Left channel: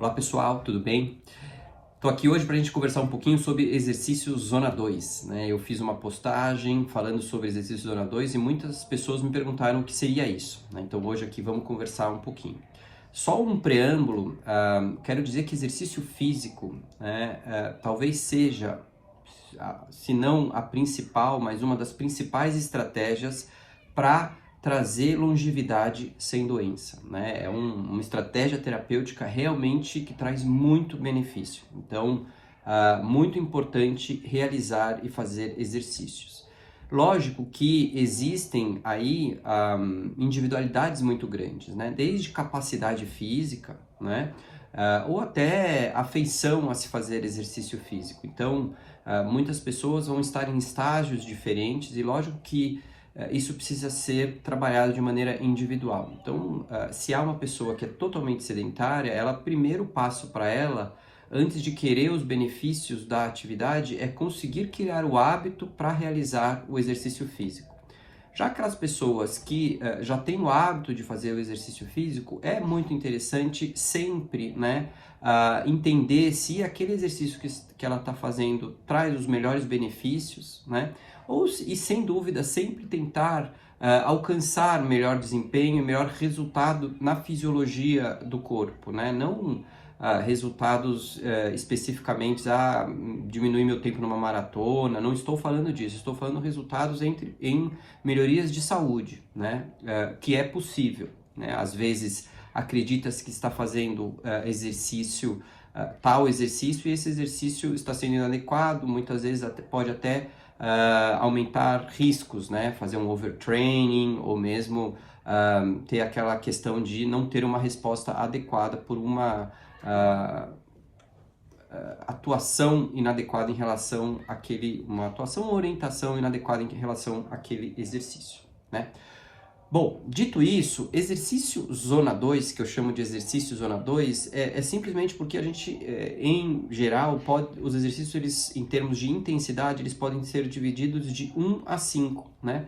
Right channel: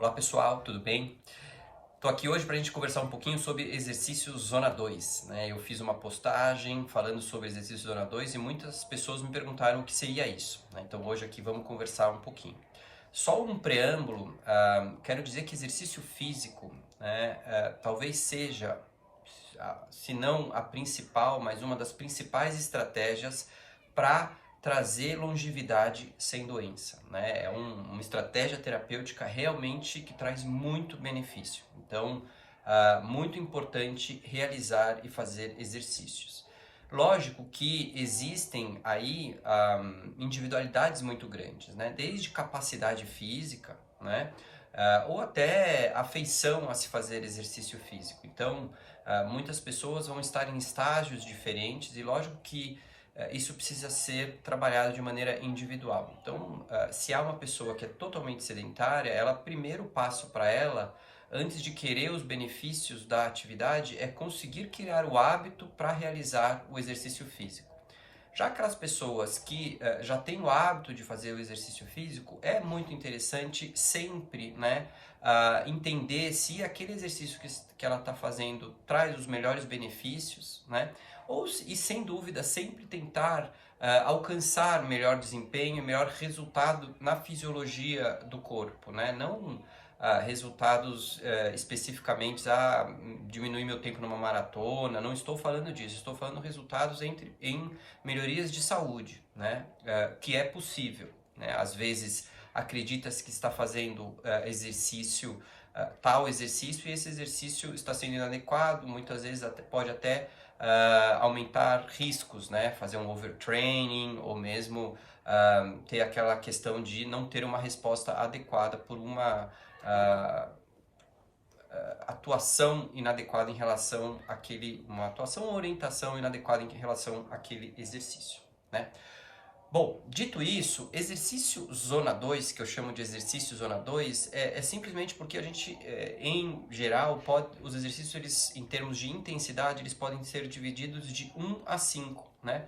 Olá pessoal, tudo bem? Estou aqui hoje para a gente conversar um pouquinho sobre exercício Zona 2, né? Eu fiz uma postagem falando sobre exercício Zona 2 e muitas pessoas me perguntaram o que seria isso, né? Então hoje aqui vamos conversar um pouquinho. Só um preâmbulo, quero dizer que exercício físico, né, talvez seja, se não a principal, mas uma das principais estratégias para trazer longevidade sem doença, né? É uma estratégia terapêutica realmente que traz muito benefício. Então, muito importante realizar e fazer exercícios. Lógico que existem aí individualidades muito grandes, né? Desde capacidade física, né? Ou até afeição a se fazer exercício físico. Então, muitas pessoas vão estar em estágios diferentes e lógico que isso precisa ser trabalhado de maneira individual. Então, se há uma pessoa que é totalmente sedentária, primeiro passo para ela, antes de querer os benefícios da atividade, é conseguir criar o hábito para realizar o exercício físico. Já aquelas pessoas que já têm o hábito de fazer o exercício físico, é muito interessante sempre, né, entender se aquele exercício que ela está fazendo traz os melhores benefícios, né, e sem dúvida sempre tentar alcançar melhor desempenho, melhor resultado na fisiologia do corpo, né, não resultados especificamente, diminuir meu tempo numa maratona, não estou falando disso, estou falando resultados em melhorias de saúde, né, que é possível, né, às vezes acredita-se que está fazendo tal exercício e esse exercício está sendo inadequado, muitas vezes pode até aumentar riscos, né, fazer um overtraining ou mesmo ter aquela questão de não ter uma resposta adequada por uma atuação inadequada em relação uma atuação ou orientação inadequada em relação àquele exercício, né? Bom, dito isso, exercício Zona 2, que eu chamo de exercício Zona 2, é simplesmente porque a gente, em geral, os exercícios, eles, em termos de intensidade, eles podem ser divididos de 1 a 5, né?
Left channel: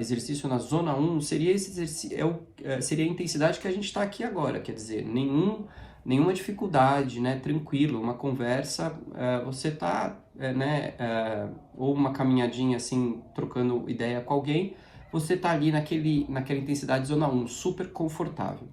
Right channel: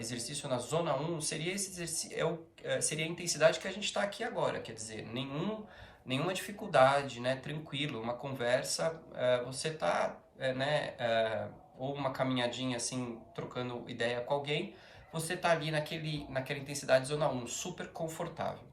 Exercício na Zona 1 seria seria a intensidade que a gente está aqui agora, quer dizer, nenhuma dificuldade, né? Tranquilo, uma conversa, você está, ou uma caminhadinha assim, trocando ideia com alguém, você está ali naquela intensidade Zona 1, super confortável.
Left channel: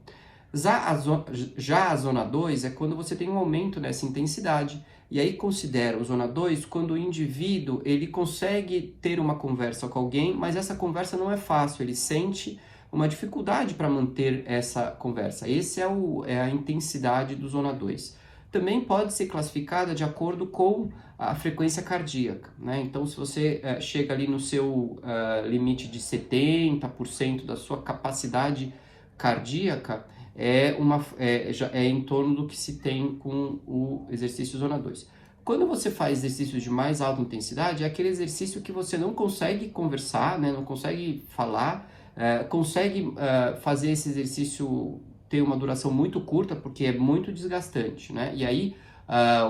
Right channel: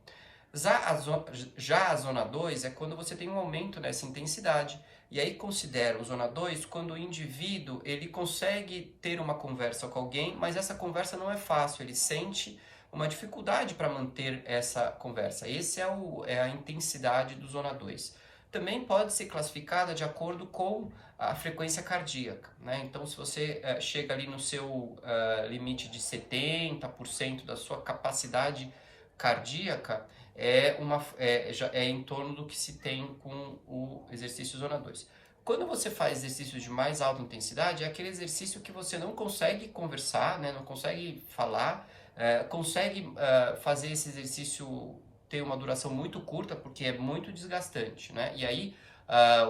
Já a Zona 2 é quando você tem um aumento nessa intensidade, e aí considera o Zona 2 quando o indivíduo ele consegue ter uma conversa com alguém, mas essa conversa não é fácil, ele sente uma dificuldade para manter essa conversa. Esse é a intensidade do Zona 2. Também pode ser classificada de acordo com a frequência cardíaca, né? Então, se você chega ali no seu limite de 70% da sua capacidade cardíaca, é em torno do que se tem com o exercício Zona 2. Quando você faz exercícios de mais alta intensidade, é aquele exercício que você não consegue conversar, né? Não consegue falar, consegue fazer esse exercício ter uma duração muito curta, porque é muito desgastante, né? E aí,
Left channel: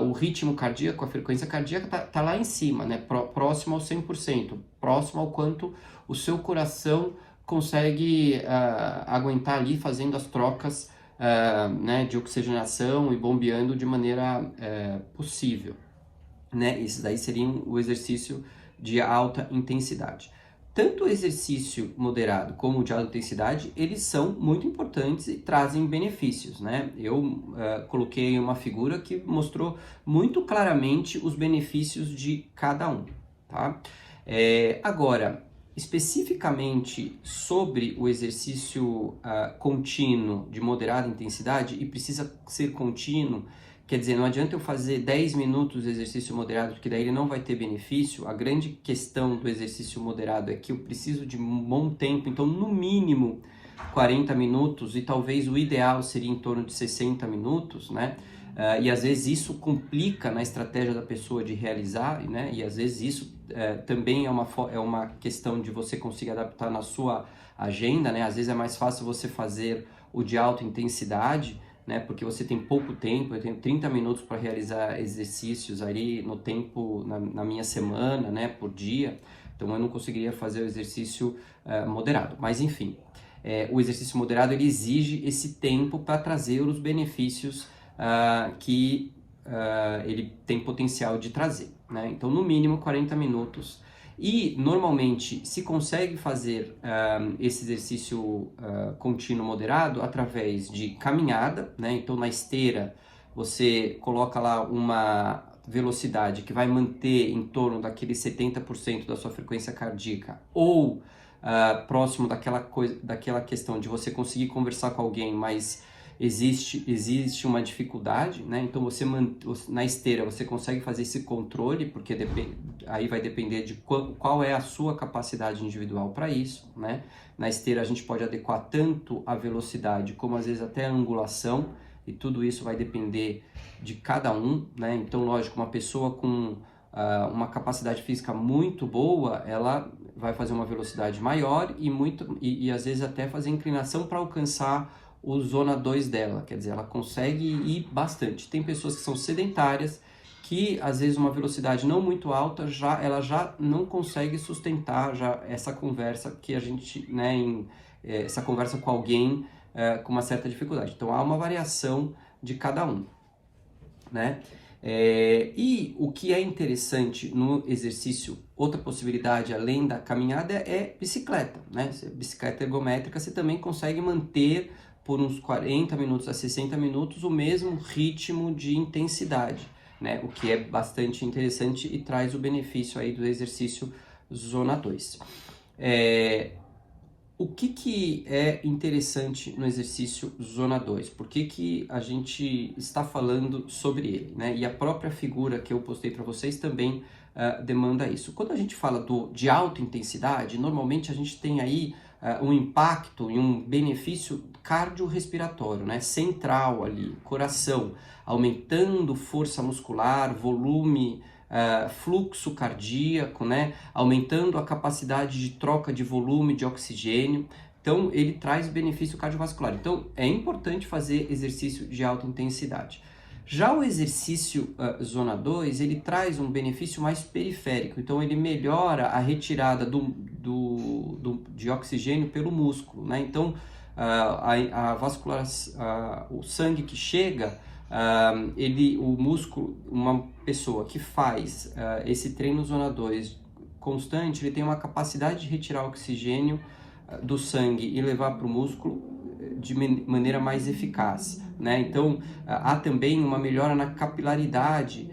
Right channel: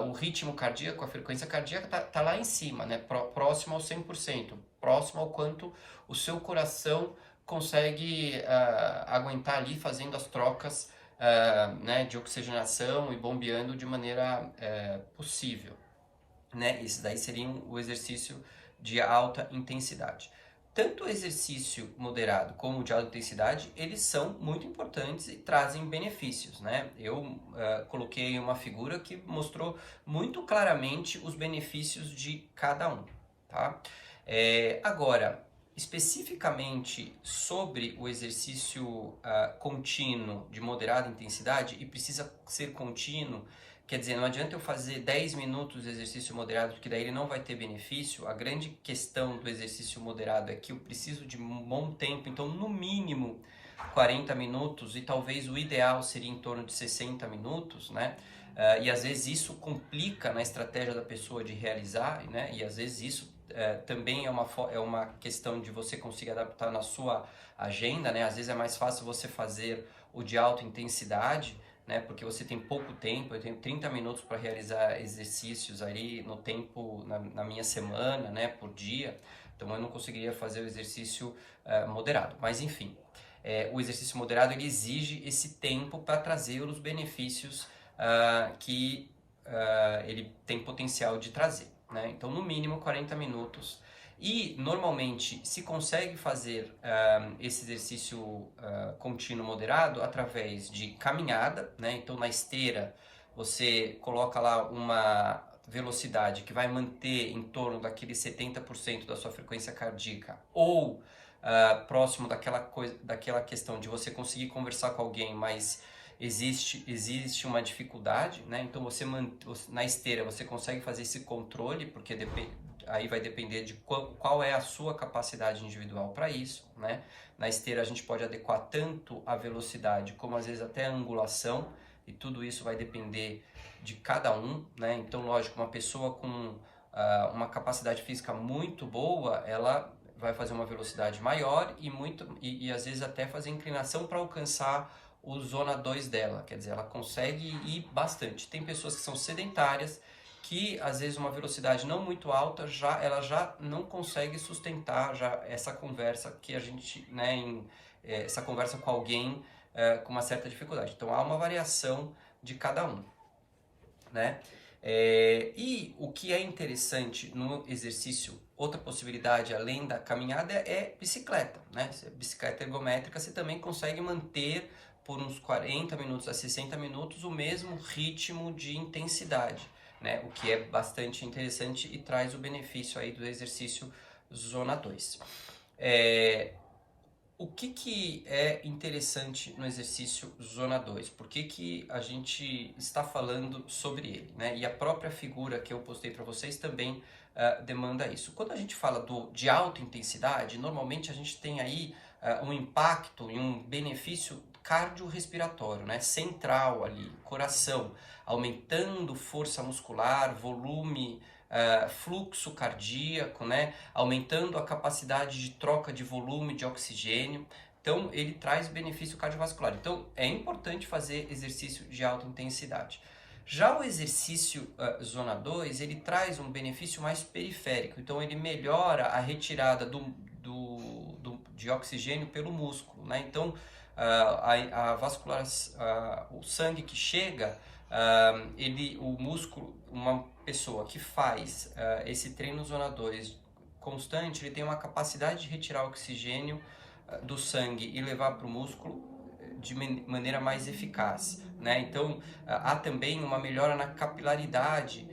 o ritmo cardíaco, a frequência cardíaca tá lá em cima, né? Próximo ao 100%, próximo ao quanto o seu coração consegue aguentar ali fazendo as trocas né, de oxigenação e bombeando de maneira possível, né? Esse daí seria o exercício de alta intensidade. Tanto o exercício moderado como o de alta intensidade, eles são muito importantes e trazem benefícios, né? Eu coloquei uma figura que mostrou muito claramente os benefícios de cada um, tá? Agora, especificamente sobre o exercício contínuo de moderada intensidade, e precisa ser contínuo, quer dizer, não adianta eu fazer 10 minutos de exercício moderado, porque daí ele não vai ter benefício. A grande questão do exercício moderado é que eu preciso de um bom tempo, então no mínimo 40 minutos, e talvez o ideal seria em torno de 60 minutos, né? E às vezes isso complica na estratégia da pessoa de realizar, né? E às vezes isso também é uma questão de você conseguir adaptar na sua agenda, né? Às vezes é mais fácil você fazer o de alta intensidade, né, porque você tem pouco tempo. Eu tenho 30 minutos para realizar exercícios ali no tempo, na minha semana, né, por dia, então eu não conseguiria fazer o exercício moderado, mas enfim. o exercício moderado ele exige esse tempo para trazer os benefícios que ele tem potencial de trazer, né? Então, no mínimo 40 minutos. E, normalmente, se consegue fazer esse exercício contínuo moderado através de caminhada, né? Então, na esteira, você coloca lá uma velocidade que vai manter em torno daquele 70% da sua frequência cardíaca, ou próximo daquela questão de você conseguir conversar com alguém, mas existe uma dificuldade, né? Então na esteira você consegue fazer esse controle, porque aí vai depender de qual é a sua capacidade individual para isso, né? Na esteira a gente pode adequar tanto a velocidade como às vezes até a angulação, e tudo isso vai depender de cada um, né? Então, lógico, uma pessoa com uma capacidade física muito boa, ela vai fazer uma velocidade maior e às vezes até fazer inclinação para alcançar o zona 2 dela, quer dizer, ela consegue ir bastante. Tem pessoas que são sedentárias, que às vezes uma velocidade não muito alta, ela já não consegue sustentar já essa conversa que a gente, né, essa conversa com alguém com uma certa dificuldade. Então há uma variação de cada um, né? E o que é interessante no exercício, outra possibilidade além da caminhada é bicicleta, né? Bicicleta ergométrica, você também consegue manter por uns 40 minutos a 60 minutos o mesmo ritmo de intensidade, né? O que é bastante interessante e traz o benefício aí do exercício zona 2. O que é interessante no exercício zona 2? Por que a gente está falando sobre ele, né? E a própria figura que eu postei para vocês também demanda isso. Quando a gente fala de alta intensidade, normalmente a gente tem aí um impacto e um benefício cardiorrespiratório, né? Central ali, coração, aumentando força muscular, volume, fluxo cardíaco, né? Aumentando a capacidade de troca de volume de oxigênio. Então, ele traz benefício cardiovascular. Então, é importante fazer exercício de alta intensidade. Já o exercício zona 2, ele traz um benefício mais periférico. Então, ele melhora a retirada de oxigênio pelo músculo, né? Então, o sangue que chega, o músculo, uma pessoa que faz esse treino zona 2 constante, ele tem uma capacidade de retirar oxigênio do sangue e levar para o músculo de maneira mais eficaz, né? Então, há também uma melhora na capilaridade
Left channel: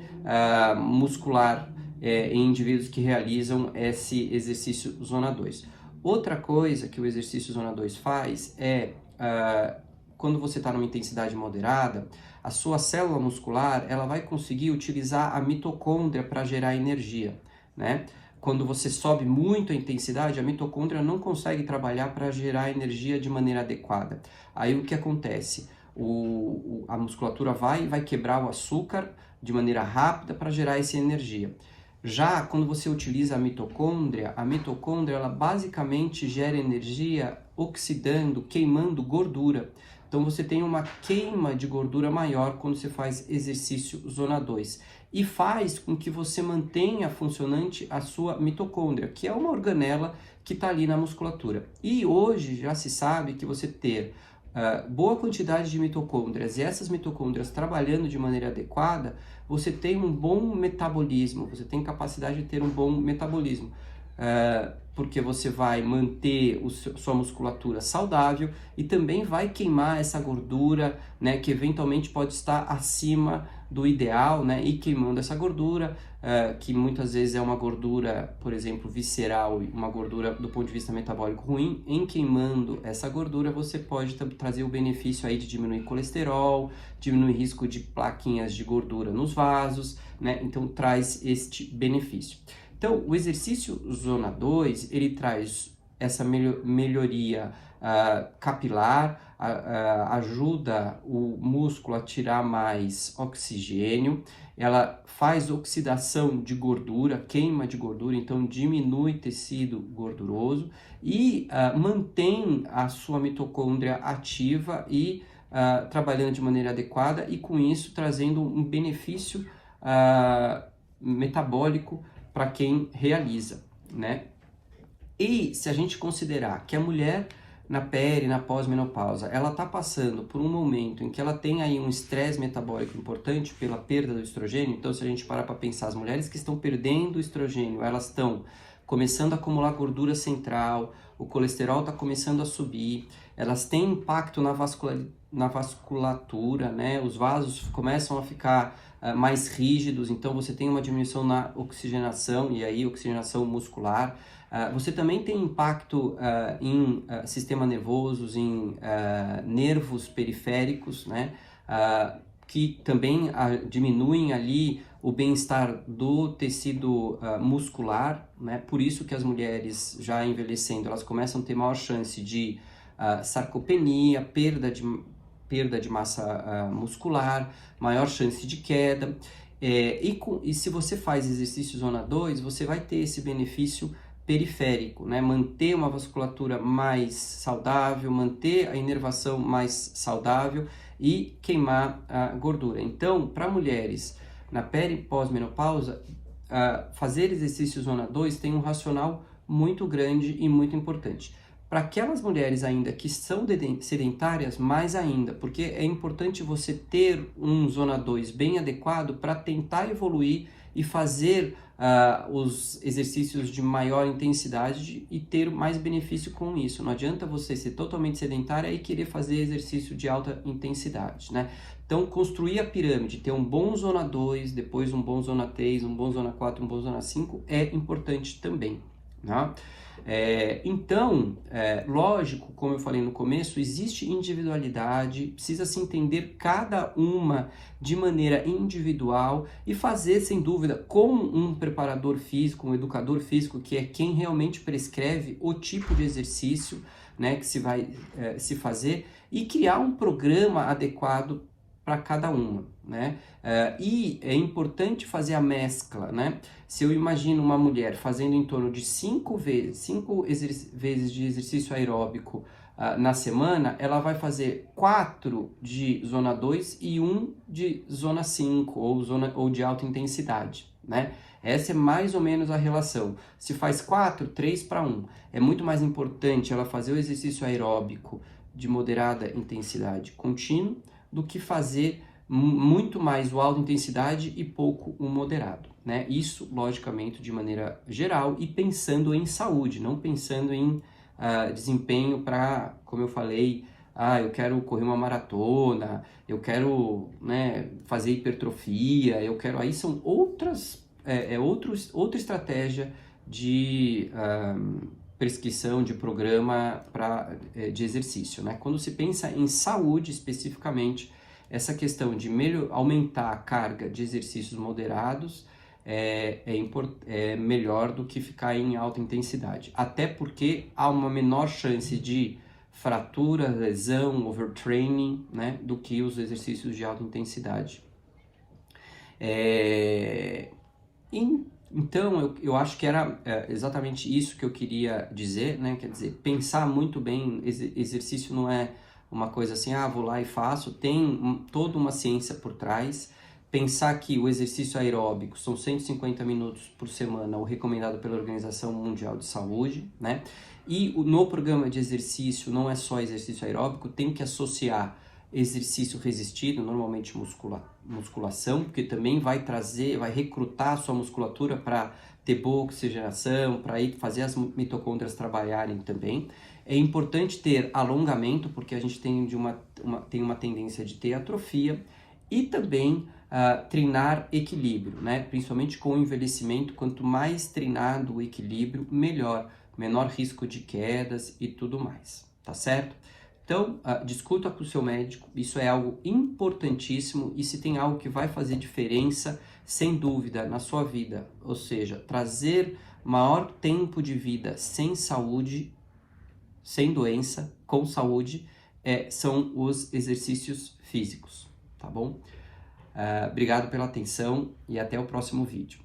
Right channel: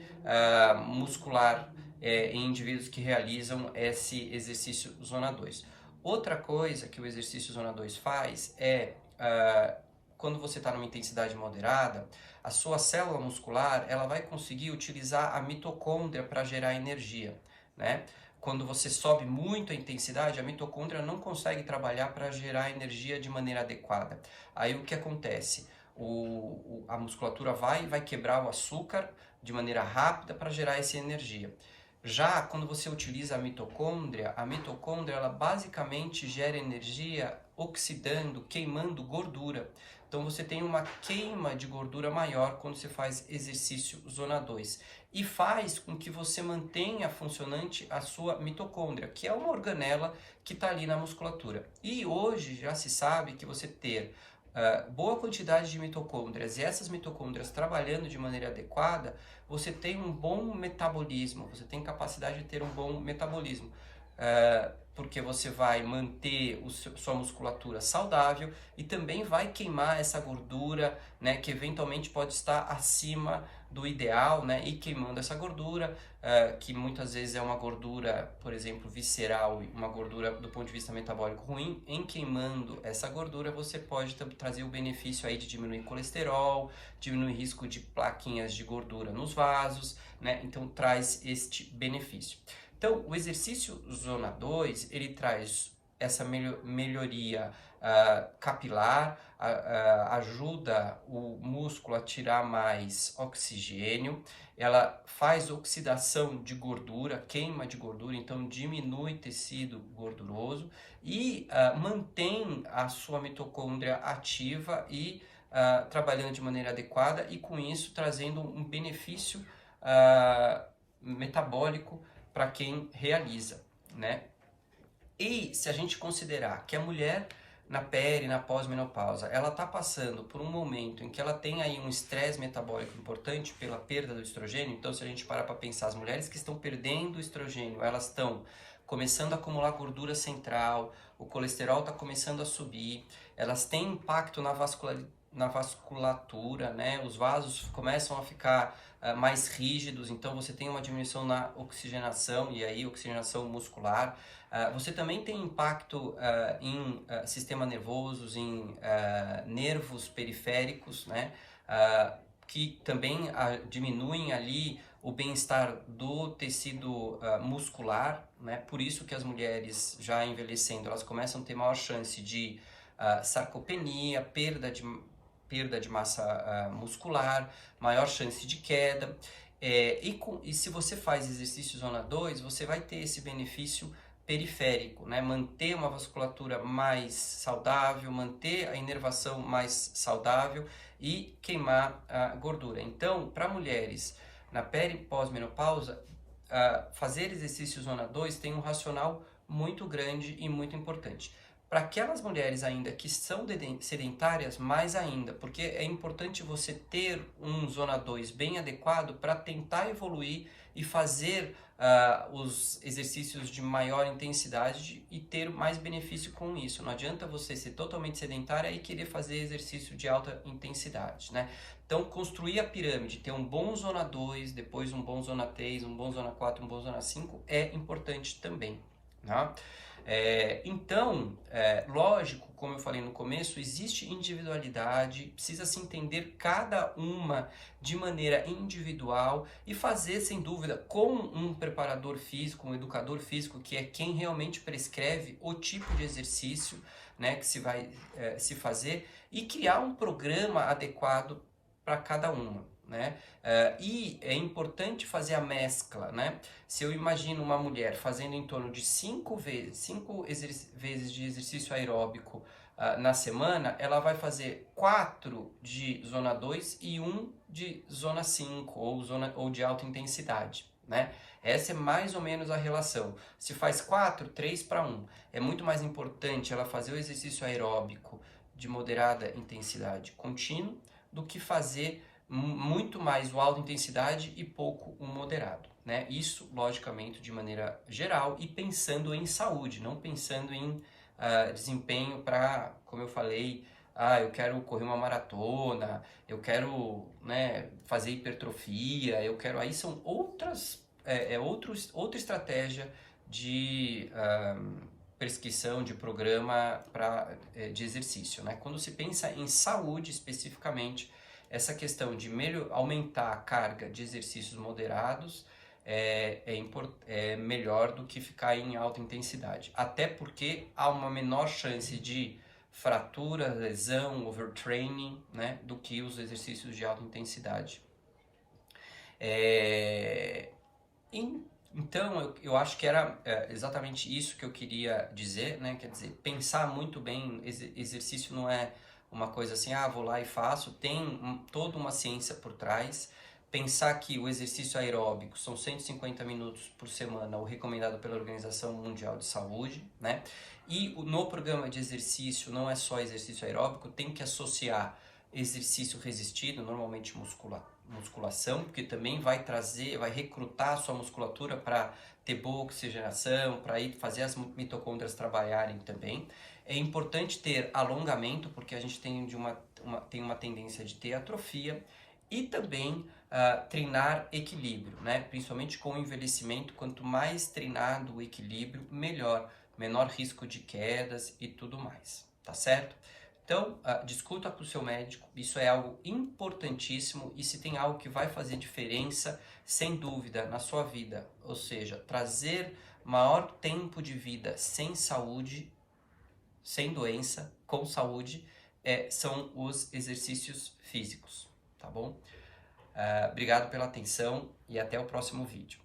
muscular em indivíduos que realizam esse exercício zona 2. Outra coisa que o exercício zona 2 faz é, quando você está numa intensidade moderada, a sua célula muscular ela vai conseguir utilizar a mitocôndria para gerar energia, né? Quando você sobe muito a intensidade, a mitocôndria não consegue trabalhar para gerar energia de maneira adequada. Aí o que acontece? A musculatura vai quebrar o açúcar de maneira rápida para gerar essa energia. Já quando você utiliza a mitocôndria ela basicamente gera energia oxidando, queimando gordura. Então você tem uma queima de gordura maior quando você faz exercício zona 2. E faz com que você mantenha funcionante a sua mitocôndria, que é uma organela que está ali na musculatura. E hoje já se sabe que você ter boa quantidade de mitocôndrias e essas mitocôndrias trabalhando de maneira adequada, você tem um bom metabolismo, você tem capacidade de ter um bom metabolismo. Porque você vai manter sua musculatura saudável e também vai queimar essa gordura, né, que eventualmente pode estar acima do ideal, né, e queimando essa gordura, que muitas vezes é uma gordura, por exemplo, visceral, uma gordura do ponto de vista metabólico ruim. Em queimando essa gordura, você pode trazer o benefício aí de diminuir colesterol, diminuir risco de plaquinhas de gordura nos vasos, né, então traz este benefício. Então, o exercício zona 2, ele traz essa melhoria capilar, ajuda o músculo a tirar mais oxigênio, ela faz oxidação de gordura, queima de gordura, então diminui tecido gorduroso e mantém a sua mitocôndria ativa e trabalhando de maneira adequada e com isso trazendo um benefício metabólico para quem realiza, né? E se a gente considerar que a mulher na peri, na pós-menopausa, ela está passando por um momento em que ela tem aí um estresse metabólico importante pela perda do estrogênio. Então, se a gente parar para pensar, as mulheres que estão perdendo o estrogênio, elas estão começando a acumular gordura central, o colesterol está começando a subir, elas têm impacto na vasculatura, né? Os vasos começam a ficar mais rígidos, então você tem uma diminuição na oxigenação, e aí oxigenação muscular. Você também tem impacto em sistema nervoso, em nervos periféricos, né? Que também diminuem ali o bem-estar do tecido muscular, né? Por isso que as mulheres já envelhecendo, elas começam a ter maior chance de sarcopenia, perda de massa muscular, maior chance de queda. E se você faz exercício zona 2, você vai ter esse benefício periférico, né? Manter uma vasculatura mais saudável, manter a inervação mais saudável e queimar a gordura. Então, para mulheres na peri e pós-menopausa, fazer exercício zona 2 tem um racional muito grande e muito importante. Para aquelas mulheres ainda que são sedentárias, mais ainda, porque é importante você ter um zona 2 bem adequado para tentar evoluir e fazer os exercícios de maior intensidade e ter mais benefício com isso. Não adianta você ser totalmente sedentária e querer fazer exercício de alta intensidade, né? Então, construir a pirâmide, ter um bom zona 2, depois um bom zona 3, um bom zona 4, um bom zona 5 é importante também, né? Então, lógico, como eu falei no começo, existe individualidade, precisa se entender cada uma de maneira individual e fazer, sem dúvida, com um preparador físico, um educador físico, que é quem realmente prescreve o tipo de exercício, né, que se vai se fazer, e criar um programa adequado para cada uma, né? E é importante fazer a mescla, né? Se eu imagino uma mulher fazendo em torno de 5 vezes de exercício aeróbico na semana, ela vai fazer 4 de zona 2 e 1 de zona 5 ou de alta intensidade, né? Essa é mais ou menos a relação. Se faz 4, 3 para 1. É muito mais importante ela fazer o exercício aeróbico de moderada intensidade contínua do que fazer muito mais o alta intensidade e pouco o moderado, né? Isso, logicamente, de maneira geral e pensando em saúde, não pensando em desempenho para, como eu falei, eu quero correr uma maratona, eu quero, né, fazer hipertrofia, aí são outra estratégia de prescrição de programa de exercício, né? Quando se pensa em saúde especificamente, essa questão de aumentar a carga de exercícios moderados é melhor do que ficar em alta intensidade, até porque há uma menor chance de fratura, lesão, overtraining, né, do que os exercícios de alta intensidade. Então, eu acho que era exatamente isso que eu queria dizer, né? Quer dizer, pensar muito bem, exercício não é uma coisa assim, vou lá e faço, tem toda uma ciência por trás. Pensar que o exercício aeróbico são 150 minutos por semana, o recomendado pela Organização Mundial de Saúde, né? E no programa de exercício, não é só exercício aeróbico, tem que associar exercício resistido, normalmente musculação, porque também vai recrutar a sua musculatura para ter boa oxigenação, para fazer as mitocôndrias trabalharem também. É importante ter alongamento, porque a gente tem uma tendência de ter atrofia, e também treinar equilíbrio, né? Principalmente com o envelhecimento, quanto mais treinado o equilíbrio, melhor, menor risco de quedas e tudo mais, tá certo? Então, discuta com o seu médico, isso é algo importantíssimo, e se tem algo que vai fazer diferença, sem dúvida, na sua vida, ou seja, trazer maior tempo de vida sem saúde, sem doença, com saúde, são os exercícios físicos, tá bom? Obrigado pela atenção e até o próximo vídeo.